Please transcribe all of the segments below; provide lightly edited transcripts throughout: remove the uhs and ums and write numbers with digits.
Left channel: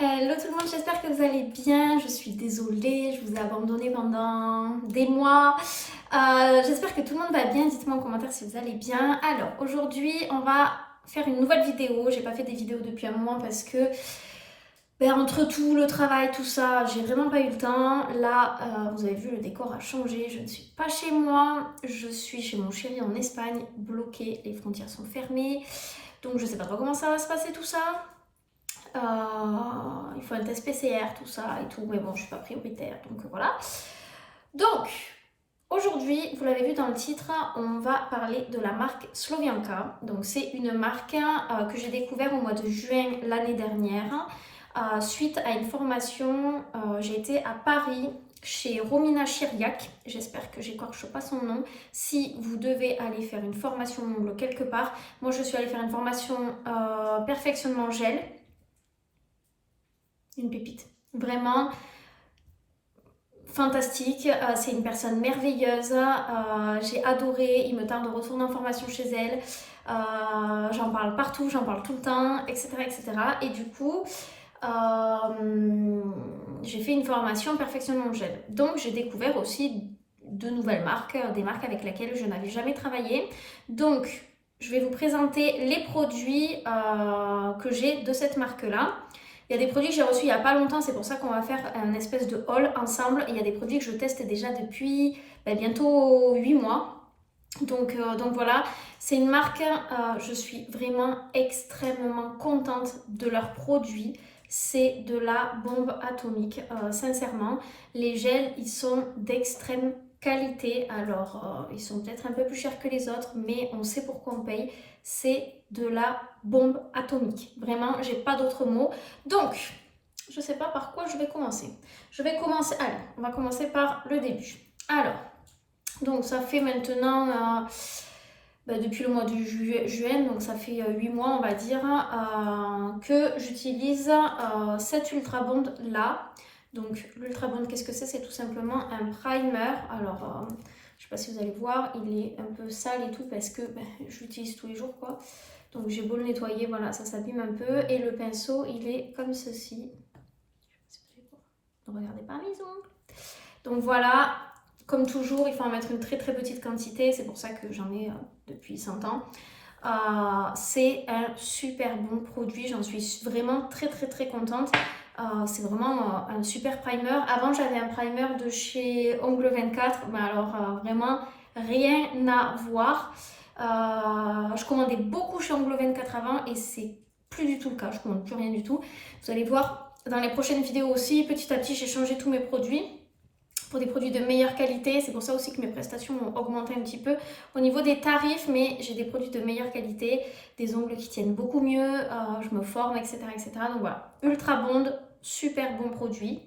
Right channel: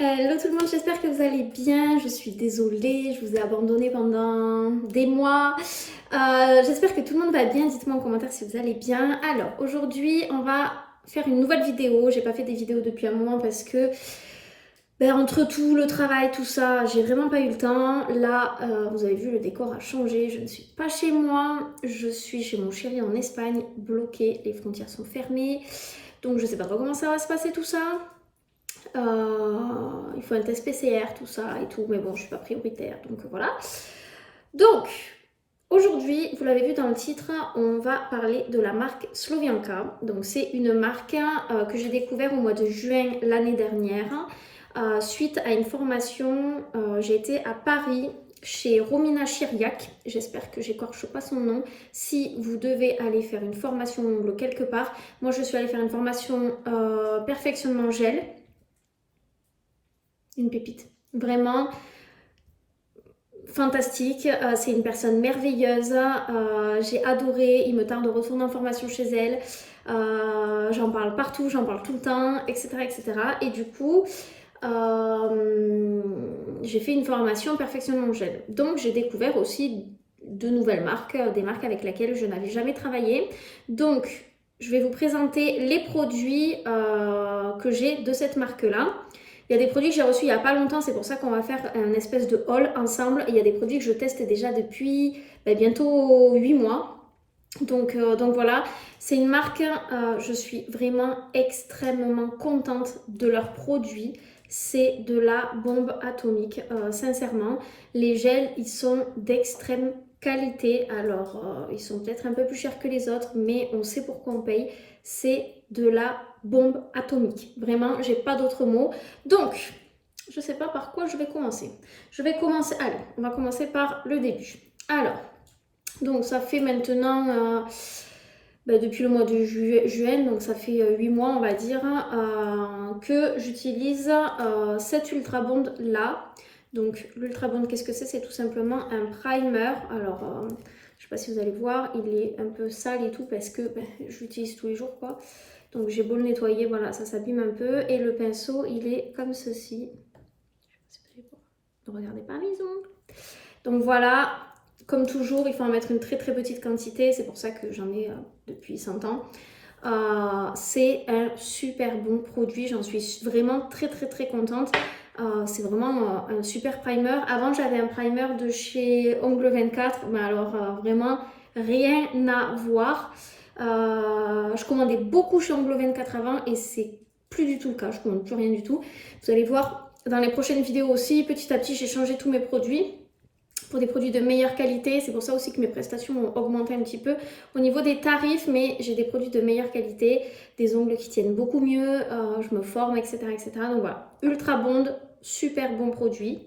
Hello tout le monde, j'espère que vous allez bien. Je suis désolée, je vous ai abandonné pendant des mois. J'espère que tout le monde va bien. Dites-moi en commentaire si vous allez bien. Alors aujourd'hui, on va faire une nouvelle vidéo. J'ai pas fait des vidéos depuis un moment parce que entre tout le travail, tout ça, j'ai vraiment pas eu le temps. Là, vous avez vu, le décor a changé. Je ne suis pas chez moi. Je suis chez mon chéri en Espagne, bloquée. Les frontières sont fermées. Donc je sais pas trop comment ça va se passer tout ça. Il faut un test PCR, tout ça et tout, mais bon, je suis pas prioritaire, donc voilà. Donc, aujourd'hui, vous l'avez vu dans le titre, on va parler de la marque Slovianka. Donc, c'est une marque que j'ai découvert au mois de juin l'année dernière. Suite à une formation, j'ai été à Paris chez Romina Chiriac, j'espère que j'écorche pas son nom. Si vous devez aller faire une formation ongle quelque part, moi je suis allée faire une formation perfectionnement gel. Une pépite. Vraiment fantastique. C'est une personne merveilleuse. J'ai adoré. Il me tarde de retourner en formation chez elle. J'en parle partout, j'en parle tout le temps, etc. etc. Et du coup, j'ai fait une formation en perfectionnement gel. Donc, j'ai découvert aussi de nouvelles marques, des marques avec lesquelles je n'avais jamais travaillé. Donc, je vais vous présenter les produits que j'ai de cette marque-là. Il y a des produits que j'ai reçus il n'y a pas longtemps, c'est pour ça qu'on va faire un espèce de haul ensemble. Et il y a des produits que je teste déjà depuis bientôt 8 mois. Donc voilà, c'est une marque, je suis vraiment extrêmement contente de leurs produits. C'est de la bombe atomique, sincèrement. Les gels, ils sont d'extrême qualité. Alors, ils sont peut-être un peu plus chers que les autres, mais on sait pourquoi on paye. C'est de la bombe atomique. Vraiment, j'ai pas d'autres mots. Donc, je sais pas par quoi je vais commencer. Allez, on va commencer par le début. Alors, donc ça fait maintenant, depuis le mois de juin, donc ça fait 8 mois on va dire, que j'utilise cette Ultra Bond là. Donc l'Ultra Bond, qu'est-ce que c'est? C'est tout simplement un primer. Alors, je sais pas si vous allez voir, il est un peu sale et tout parce que je l'utilise tous les jours quoi. Donc j'ai beau le nettoyer, voilà, ça s'abîme un peu. Et le pinceau, il est comme ceci. Je sais pas si vous allez voir. Ne regardez pas mes ongles. Donc voilà, comme toujours, il faut en mettre une très très petite quantité. C'est pour ça que j'en ai depuis 100 ans. C'est un super bon produit. J'en suis vraiment très très très contente. C'est vraiment un super primer. Avant, j'avais un primer de chez Ongle 24. Mais alors, vraiment, rien à voir. Je commandais beaucoup chez Ongle 24 avant et c'est plus du tout le cas. Je commande plus rien du tout. Vous allez voir dans les prochaines vidéos aussi. Petit à petit, j'ai changé tous mes produits pour des produits de meilleure qualité. C'est pour ça aussi que mes prestations ont augmenté un petit peu au niveau des tarifs, mais j'ai des produits de meilleure qualité, des ongles qui tiennent beaucoup mieux, je me forme, etc., etc. Donc voilà, Ultra Bond, super bon produit.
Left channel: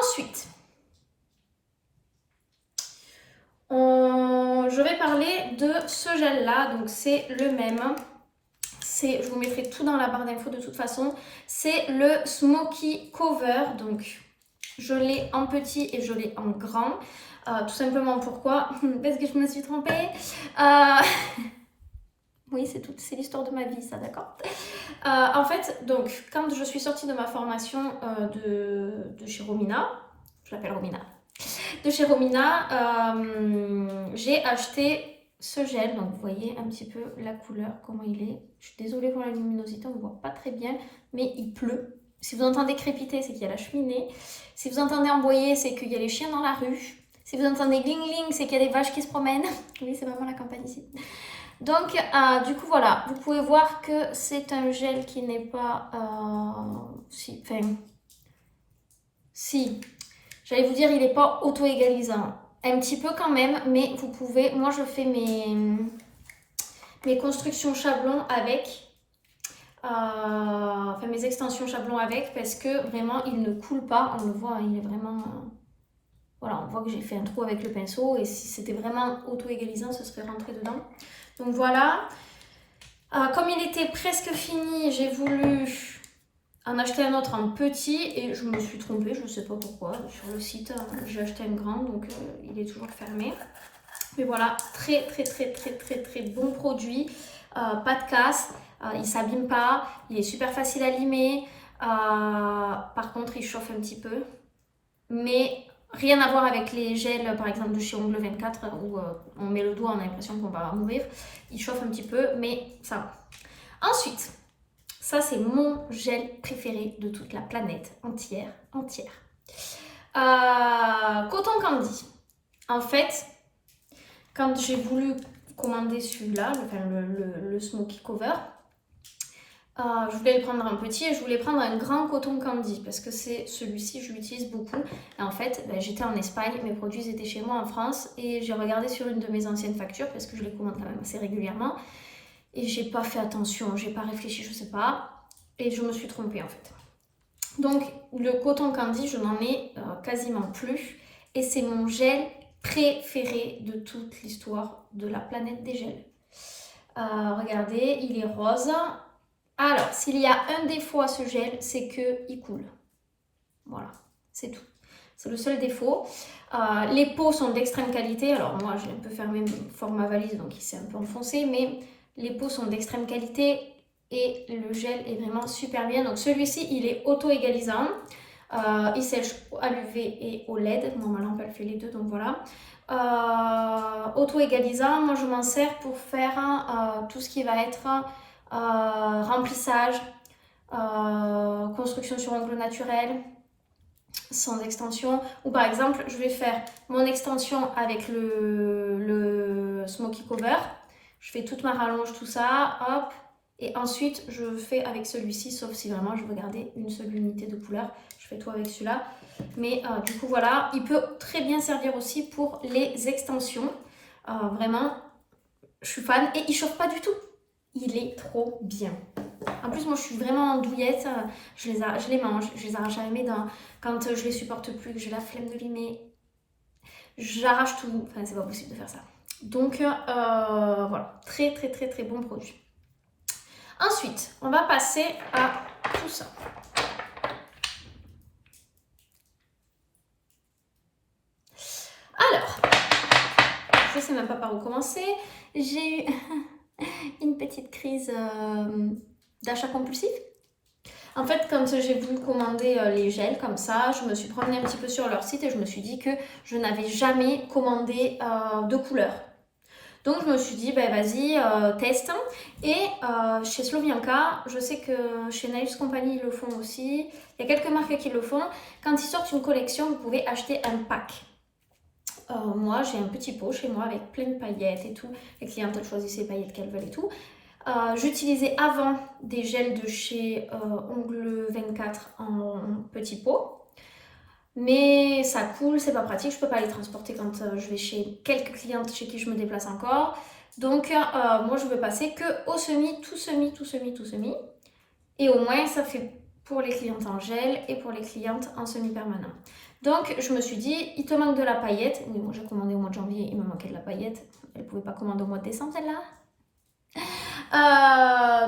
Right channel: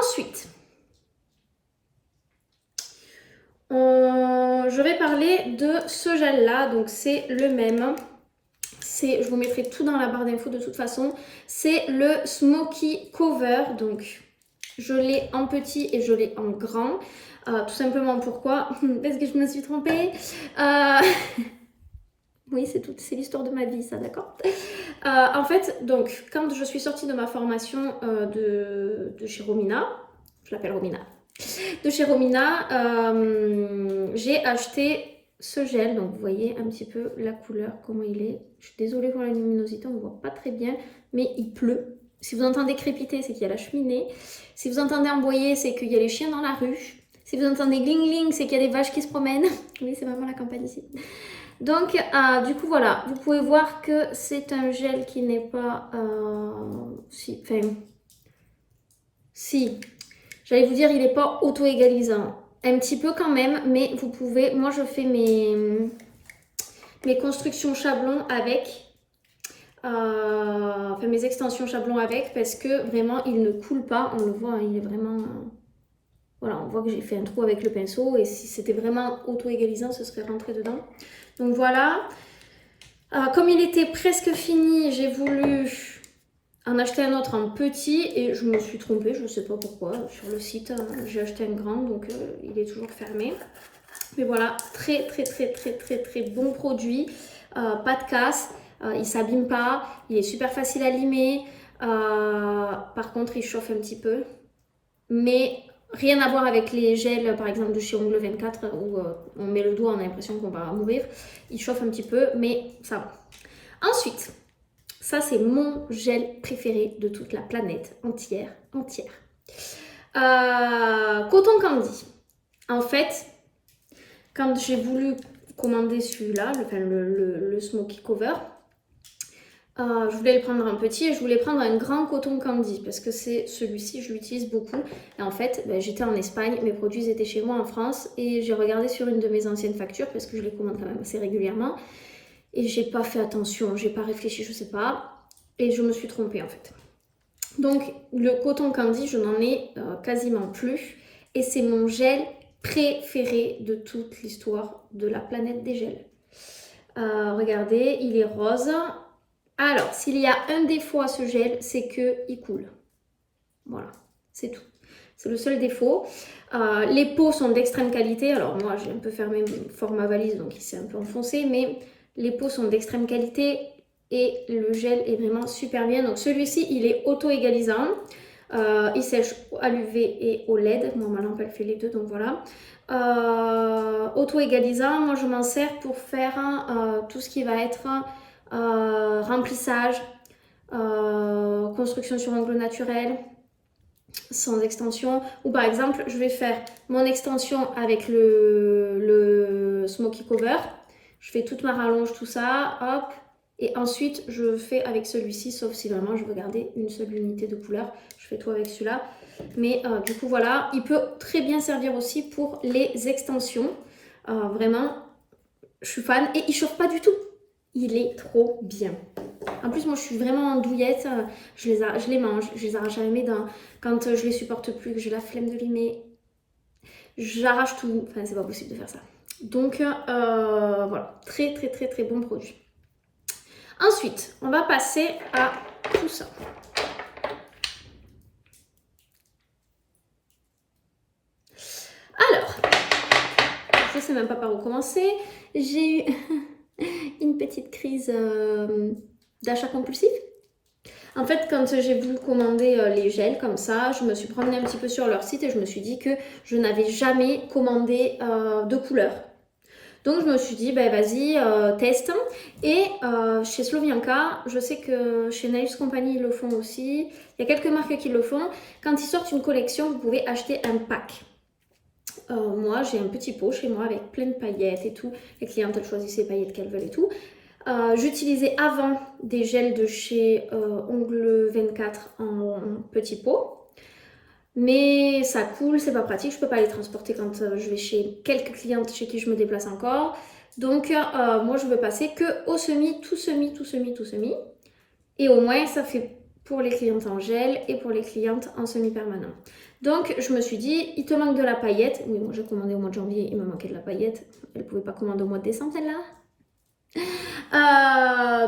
Ensuite, je vais parler de ce gel-là, donc c'est le même. Je vous mettrai tout dans la barre d'infos de toute façon. C'est le Smoky Cover, donc je l'ai en petit et je l'ai en grand. Tout simplement pourquoi? Parce que je me suis trompée. Oui, c'est l'histoire de ma vie, ça, d'accord? En fait, donc, quand je suis sortie de ma formation de chez Romina, je l'appelle Romina, de chez Romina, j'ai acheté ce gel. Donc, vous voyez un petit peu la couleur, comment il est. Je suis désolée pour la luminosité, on ne voit pas très bien, mais il pleut. Si vous entendez crépiter, c'est qu'il y a la cheminée. Si vous entendez emboyer, c'est qu'il y a les chiens dans la rue. Si vous entendez gling-gling, c'est qu'il y a des vaches qui se promènent. Oui, c'est vraiment la campagne ici. Donc, du coup, voilà. Vous pouvez voir que c'est un gel qui n'est pas... si, j'allais vous dire, il n'est pas auto-égalisant. Un petit peu quand même, mais vous pouvez... Moi, je fais mes constructions chablons avec... mes extensions chablons avec, parce que vraiment, il ne coule pas. On le voit, il est vraiment... voilà, on voit que j'ai fait un trou avec le pinceau. Et si c'était vraiment auto-égalisant, ce serait rentré dedans. Donc voilà. Comme il était presque fini, j'ai voulu en acheter un autre en petit et je me suis trompée, je ne sais pas pourquoi. Sur le site, j'ai acheté un grand, donc il est toujours fermé. Mais voilà, très très très très très très bon produit, pas de casse, il ne s'abîme pas, il est super facile à limer. Par contre, il chauffe un petit peu. Mais rien à voir avec les gels, par exemple, de chez Ongle 24, où on met le doigt, on a l'impression qu'on va mourir. Il chauffe un petit peu, mais ça va. Ensuite, ça c'est mon gel préféré de toute la planète entière. Coton Candy. En fait, quand j'ai voulu commander celui-là, le Smoky Cover, je voulais le prendre un petit et je voulais prendre un grand coton candy parce que c'est celui-ci, je l'utilise beaucoup. Et en fait, j'étais en Espagne, mes produits étaient chez moi en France et j'ai regardé sur une de mes anciennes factures parce que je les commande quand même assez régulièrement. Et j'ai pas fait attention, j'ai pas réfléchi, je sais pas. Et je me suis trompée en fait. Donc le coton candy, je n'en ai quasiment plus. Et c'est mon gel préféré de toute l'histoire de la planète des gels. Regardez, il est rose. Alors, s'il y a un défaut à ce gel, c'est qu'il coule. Voilà, c'est tout. C'est le seul défaut. Les pots sont d'extrême qualité. Alors moi, j'ai un peu fermé mon format valise, donc il s'est un peu enfoncé. Mais les pots sont d'extrême qualité et le gel est vraiment super bien. Donc celui-ci, il est auto-égalisant. Il sèche à l'UV et au LED. Moi, ma lampe, elle fait les deux, donc voilà. Auto-égalisant, moi, je m'en sers pour faire tout ce qui va être remplissage, construction sur ongles naturels, sans extension. Ou par exemple, je vais faire mon extension avec le Smoky Cover. Je fais toute ma rallonge, tout ça, hop. Et ensuite, je fais avec celui-ci, sauf si vraiment je veux garder une seule unité de couleur. Je fais tout avec celui-là. Mais du coup, voilà. Il peut très bien servir aussi pour les extensions. Vraiment, je suis fan. Et il chauffe pas du tout. Il est trop bien. En plus, moi, je suis vraiment douillette. Je les mange, je les arrache à mes dents. Quand je les supporte plus, que j'ai la flemme de limer, j'arrache tout. Enfin, c'est pas possible de faire ça. Donc, voilà. Très, très, très, très bon produit. Ensuite, on va passer à tout ça. Alors, je sais même pas par où commencer. J'ai eu une petite crise d'achat compulsif. En fait, quand j'ai voulu commander les gels comme ça, je me suis promenée un petit peu sur leur site et je me suis dit que je n'avais jamais commandé de couleur. Donc je me suis dit, ben vas-y, teste. Et chez Slovianka, je sais que chez Nails Company, ils le font aussi. Il y a quelques marques qui le font. Quand ils sortent une collection, vous pouvez acheter un pack. Moi, j'ai un petit pot chez moi avec plein de paillettes et tout. Les clientes, elles choisissent les paillettes qu'elles veulent et tout. J'utilisais avant des gels de chez Ongle 24 en petit pot. Mais ça coule, c'est pas pratique, je peux pas les transporter quand je vais chez quelques clientes chez qui je me déplace encore. Donc moi je veux passer que au semi, tout semi. Et au moins ça fait pour les clientes en gel et pour les clientes en semi-permanent. Donc je me suis dit, il te manque de la paillette. Oui, moi j'ai commandé au mois de janvier, il me manquait de la paillette. Elle pouvait pas commander au mois de décembre celle-là.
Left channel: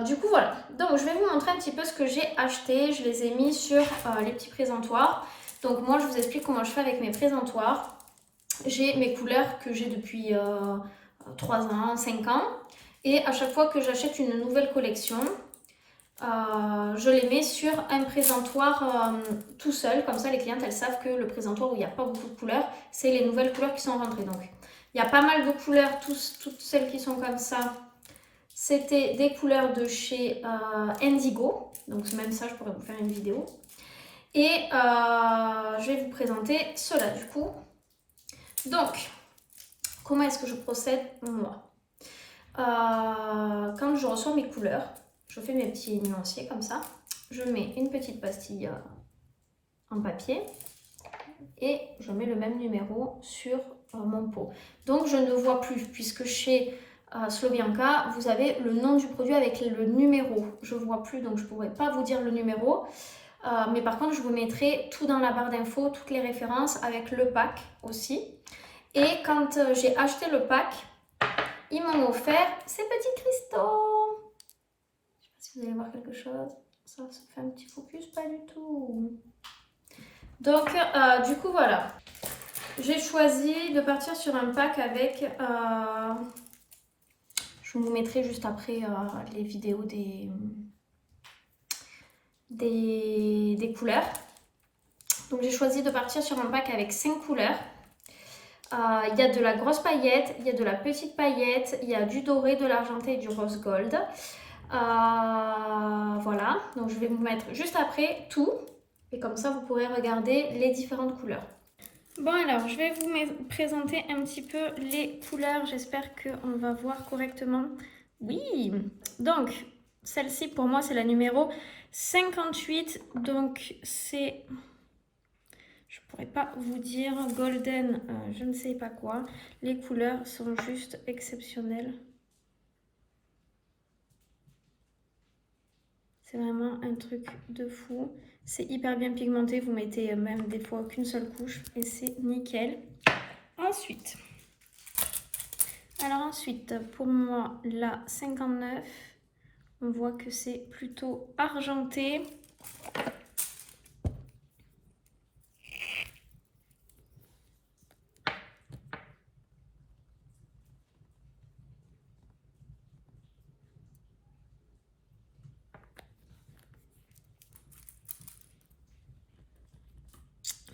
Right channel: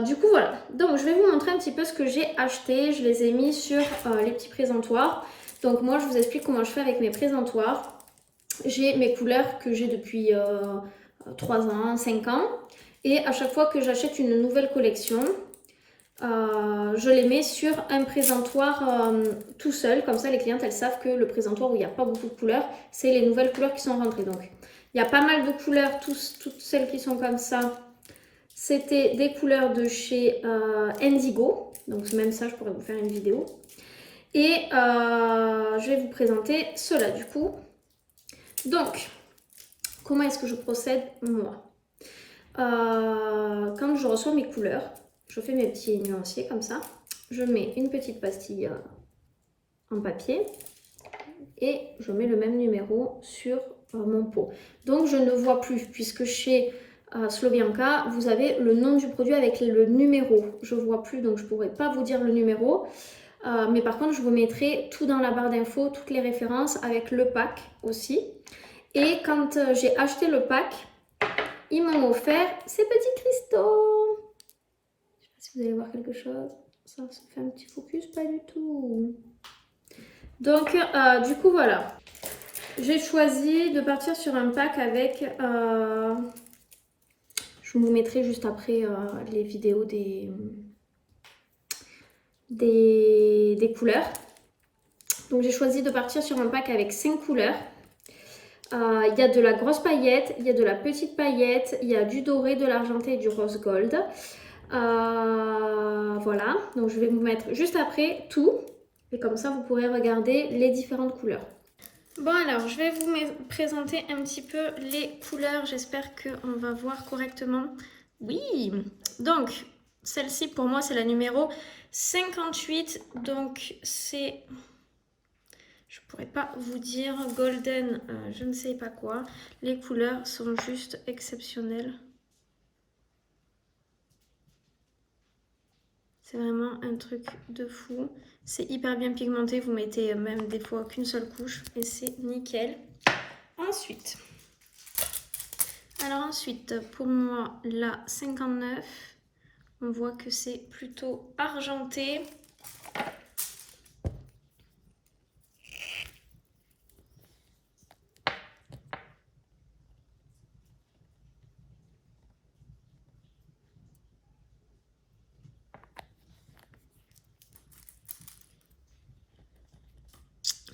Du coup voilà, donc je vais vous montrer un petit peu ce que j'ai acheté. Je les ai mis sur les petits présentoirs. Donc moi je vous explique comment je fais avec mes présentoirs. J'ai mes couleurs que j'ai depuis 3 ans, 5 ans. Et à chaque fois que j'achète une nouvelle collection, je les mets sur un présentoir tout seul. Comme ça les clientes elles savent que le présentoir où il n'y a pas beaucoup de couleurs, c'est les nouvelles couleurs qui sont rentrées. Donc il y a pas mal de couleurs, toutes celles qui sont comme ça. C'était des couleurs de chez Indigo. Donc même ça, je pourrais vous faire une vidéo. Et je vais vous présenter cela du coup. Donc, comment est-ce que je procède moi? Quand je reçois mes couleurs, je fais mes petits nuanciers comme ça. Je mets une petite pastille en papier. Et je mets le même numéro sur mon pot. Donc je ne vois plus puisque chez Slovianka, vous avez le nom du produit avec le numéro. Je ne vois plus, donc je ne pourrais pas vous dire le numéro. Mais par contre, je vous mettrai tout dans la barre d'infos, toutes les références avec le pack aussi. Et quand j'ai acheté le pack, ils m'ont offert ces petits cristaux. Je ne sais pas si vous allez voir quelque chose. Ça fait un petit focus, pas du tout. Donc, du coup, voilà. J'ai choisi de partir sur un pack avec... je vous mettrai juste après les vidéos des couleurs. Donc j'ai choisi de partir sur un pack avec 5 couleurs. Il y a de la grosse paillette, il y a de la petite paillette, il y a du doré, de l'argenté et du rose gold. Voilà, donc je vais vous mettre juste après tout. Et comme ça, vous pourrez regarder les différentes couleurs. Bon alors, je vais vous présenter un petit peu les couleurs. J'espère qu'on va voir correctement. Oui, donc celle-ci pour moi c'est la numéro 58. Donc c'est, je pourrais pas vous dire, golden, je ne sais pas quoi. Les couleurs sont juste exceptionnelles. C'est vraiment un truc de fou. C'est hyper bien pigmenté. Vous mettez même des fois qu'une seule couche et c'est nickel. Ensuite, pour moi, la 59, on voit que c'est plutôt argenté.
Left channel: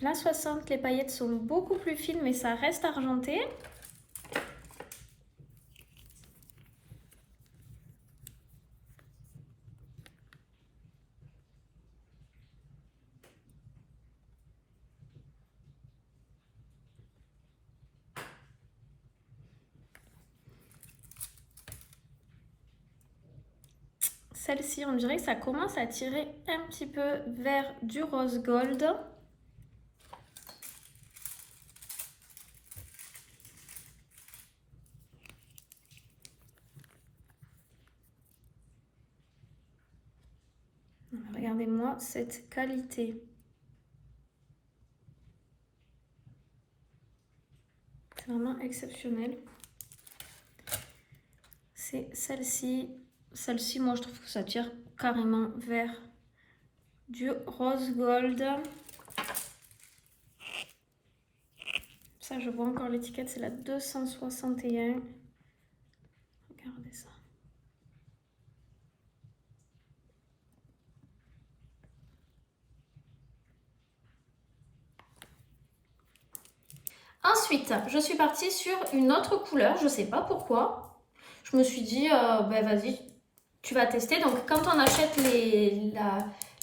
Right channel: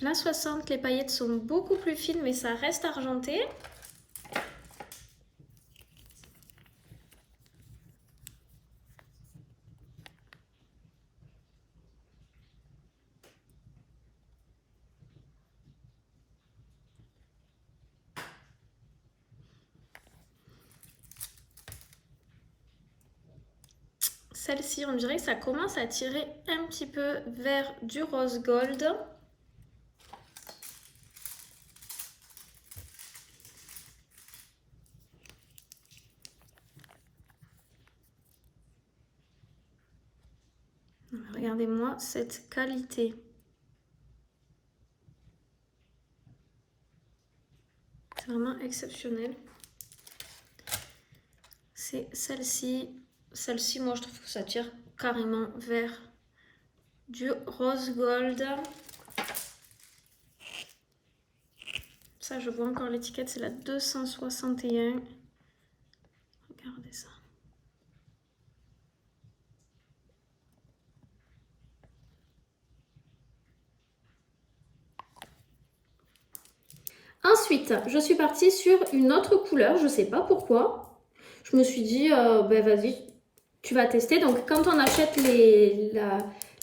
La 60, les paillettes sont beaucoup plus fines, mais ça reste argenté. Celle-ci, on dirait que ça commence à tirer un petit peu vers du rose gold. Regardez-moi cette qualité. C'est vraiment exceptionnel. C'est celle-ci. Celle-ci, moi, je trouve que ça tire carrément vers du rose gold. Ça, je vois encore l'étiquette, c'est la 261. Regardez ça. Ensuite, je suis partie sur une autre couleur, je ne sais pas pourquoi. Je me suis dit, ben vas-y, tu vas tester. Donc, quand on achète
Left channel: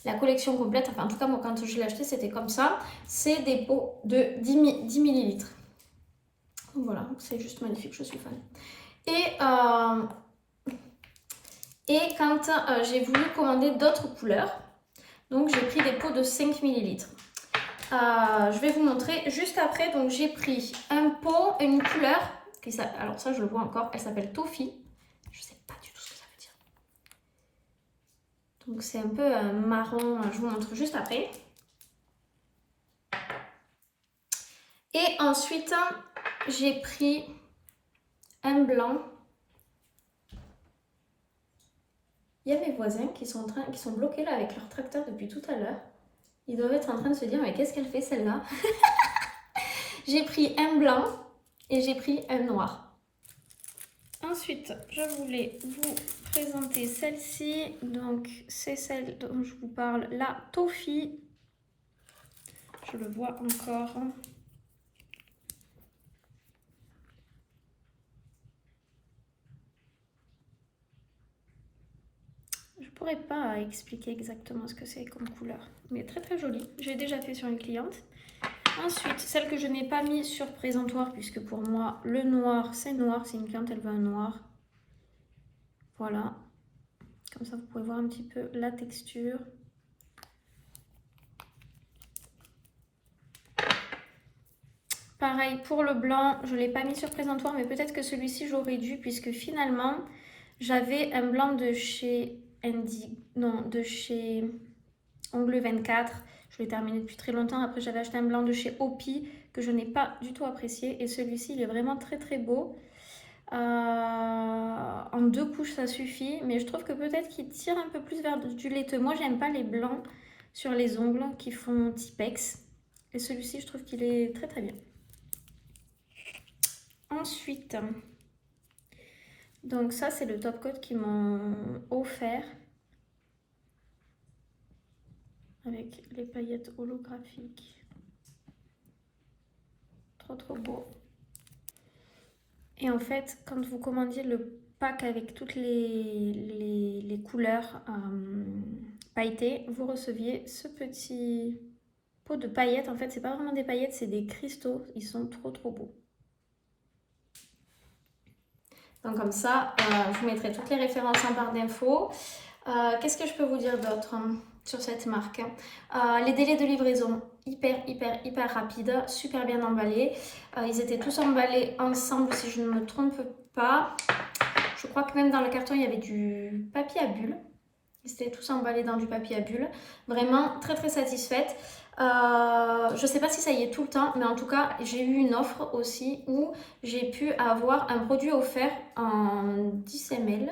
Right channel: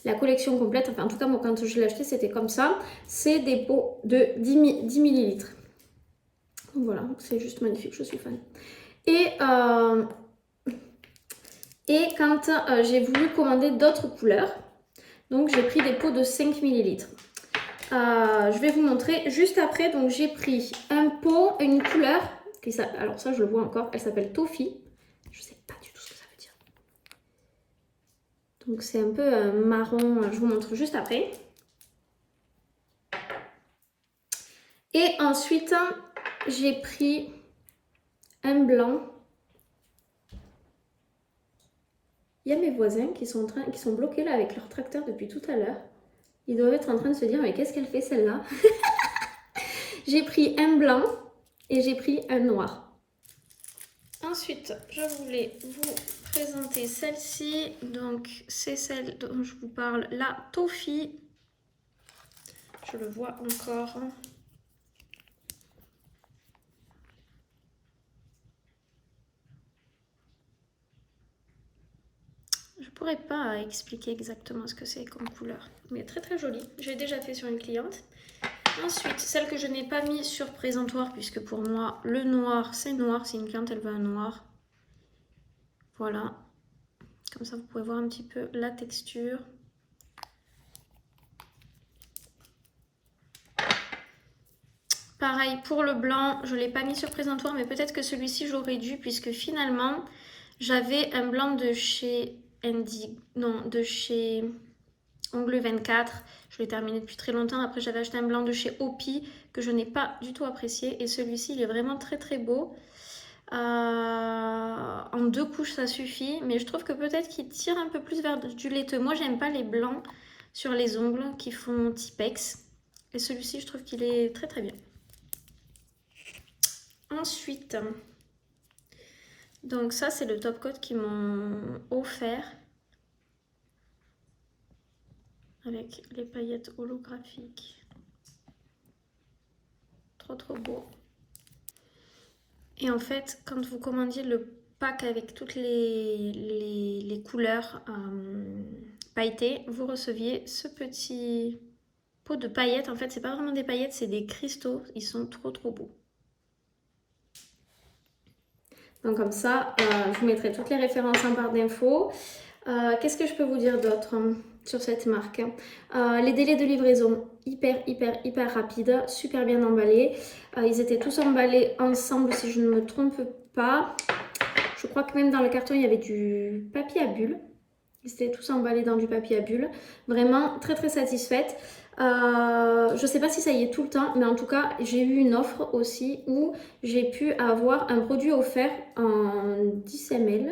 la collection complète, enfin en tout cas, moi, quand je l'ai acheté, c'était comme ça. C'est des pots de 10 millilitres. Voilà, c'est juste magnifique, je suis fan. Et quand j'ai voulu commander d'autres couleurs, donc j'ai pris des pots de 5 millilitres. Je vais vous montrer juste après. Donc j'ai pris un pot, une couleur qui s'appelle, alors ça je le vois encore, elle s'appelle Toffee. Je sais pas du tout ce que ça veut dire. Donc c'est un peu marron, je vous montre juste après. Et ensuite j'ai pris un blanc. Il y a mes voisins qui sont bloqués là avec leur tracteur depuis tout à l'heure. Ils doivent être en train de se dire mais qu'est-ce qu'elle fait celle-là? J'ai pris un blanc et j'ai pris un noir. Ensuite, je voulais vous présenter celle-ci. Donc, c'est celle dont je vous parle, la Toffee. Je le vois encore. Je pourrais pas expliquer exactement ce que c'est comme couleur, mais très très jolie. J'ai déjà fait sur une cliente. Ensuite, celle que je n'ai pas mis sur présentoir, puisque pour moi, le noir, c'est noir. Si une cliente, elle veut un noir. Voilà. Comme ça, vous pouvez voir un petit peu la texture. Pareil, pour le blanc, je ne l'ai pas mis sur présentoir, mais peut-être que celui-ci, j'aurais dû, puisque finalement, j'avais un blanc de chez de chez Ongle 24. Je l'ai terminé depuis très longtemps. Après, j'avais acheté un blanc de chez Opi que je n'ai pas du tout apprécié. Et celui-ci, il est vraiment très très beau. En 2 couches, ça suffit. Mais je trouve que peut-être qu'il tire un peu plus vers du laiteux. Moi, j'aime pas les blancs sur les ongles qui font Tipex. Et celui-ci, je trouve qu'il est très très bien. Ensuite, donc ça, c'est le top coat qu'ils m'ont offert. avec les paillettes holographiques. Trop beau. Et en fait, quand vous commandiez le pack avec toutes les couleurs pailletées, vous receviez ce petit pot de paillettes. En fait, c'est pas vraiment des paillettes, c'est des cristaux. Ils sont trop beaux. Donc comme ça, je vous mettrai toutes les références en barre d'infos. Qu'est-ce que je peux vous dire d'autre sur cette marque? Les délais de livraison hyper rapides, super bien emballés. Ils étaient tous emballés ensemble si je ne me trompe pas. Je crois que même dans le carton il y avait du papier à bulles. Ils étaient tous emballés dans du papier à bulles. Vraiment très satisfaite. Je ne sais pas si ça y est tout le temps, mais en tout cas j'ai eu une offre aussi où j'ai pu avoir un produit offert en 10 ml.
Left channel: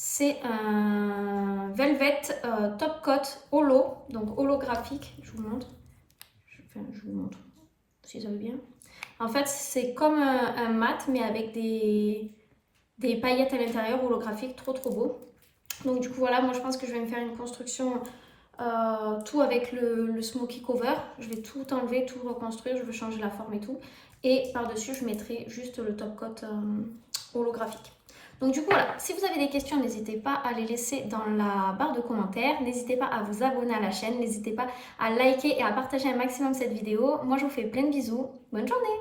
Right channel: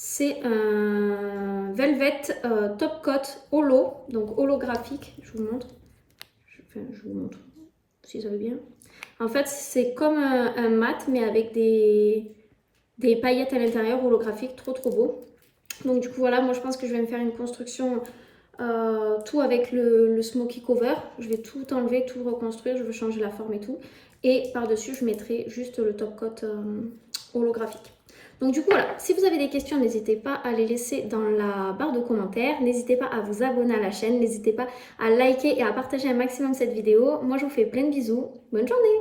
C'est un Velvet Top Coat Holo, donc holographique. Je vous montre. Je vous montre si ça veut bien. En fait, c'est comme un mat, mais avec des paillettes à l'intérieur holographiques, trop beau. Donc du coup, voilà, moi je pense que je vais me faire une construction tout avec le smoky cover. Je vais tout enlever, tout reconstruire. Je veux changer la forme et tout. Et par-dessus, je mettrai juste le top coat holographique. Donc du coup, voilà, si vous avez des questions, n'hésitez pas à les laisser dans la barre de commentaires. N'hésitez pas à vous abonner à la chaîne. N'hésitez pas à liker et à partager un maximum cette vidéo. Moi, je vous fais plein de bisous. Bonne journée!